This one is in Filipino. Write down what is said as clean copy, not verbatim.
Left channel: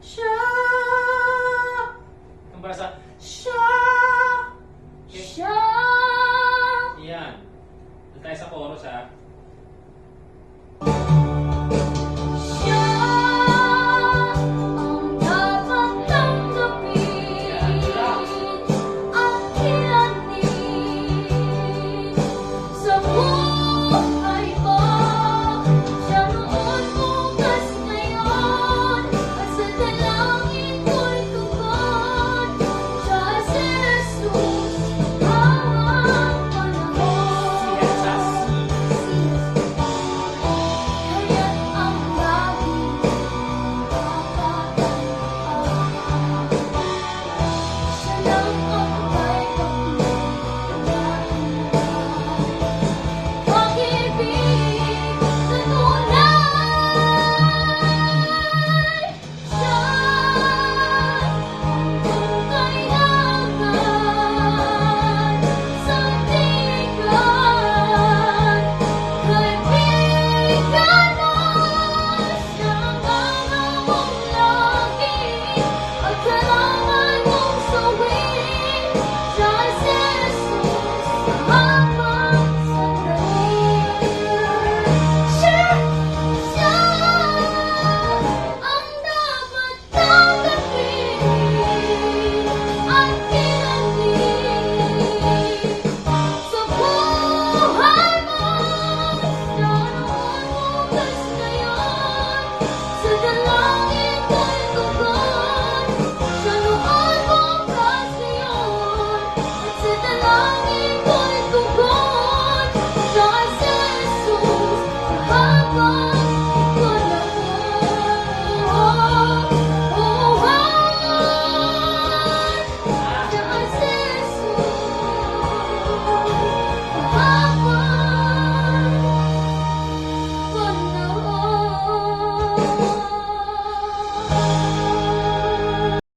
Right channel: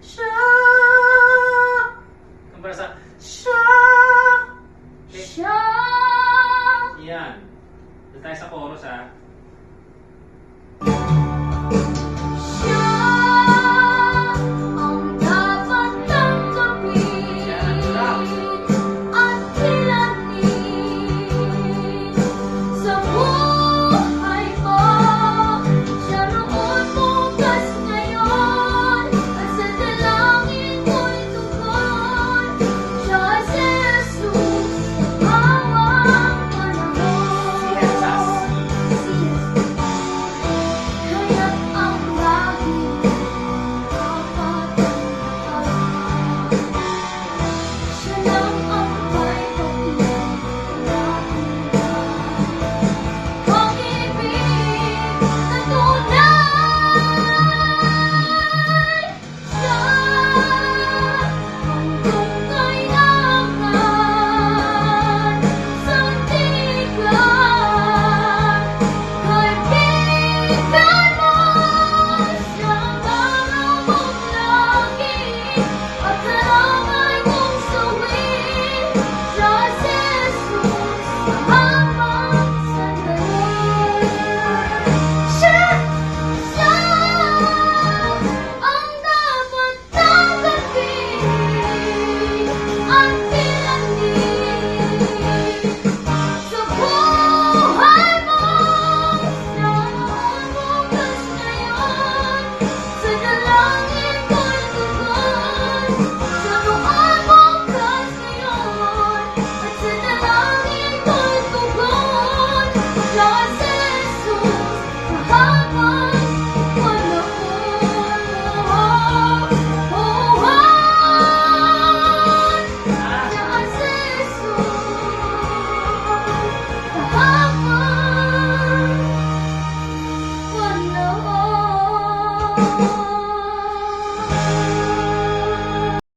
Siya. Kumpara sa Siya. okay. Siya. Yan. Doon tayo sa chorus ha. Siya ang dapat tanggapin at kilalanin sa buhay mo. Siya noon, bukas, ngayon, at sa dalangin ko'y tugon. Siya si Jesus, bawat panahon. Kaya't ang laging papatanaw. Siya lang ang may pagtitulain ka. Pag-ibig na tunay. Siya ang tungkay angat sa tigan. Kaibigan mo, siyang alamong lagi at kalamay mong sawin. Siya si Jesus, hanggang sa daig. Siya ang dapat tanggapin at kilalanin sa buhay mo. Noon, bukas, ngayon, sa dalangin ko'y tugon. Siya noon, bukas, ngayon, at sa dalangin ko'y tugon. Siya si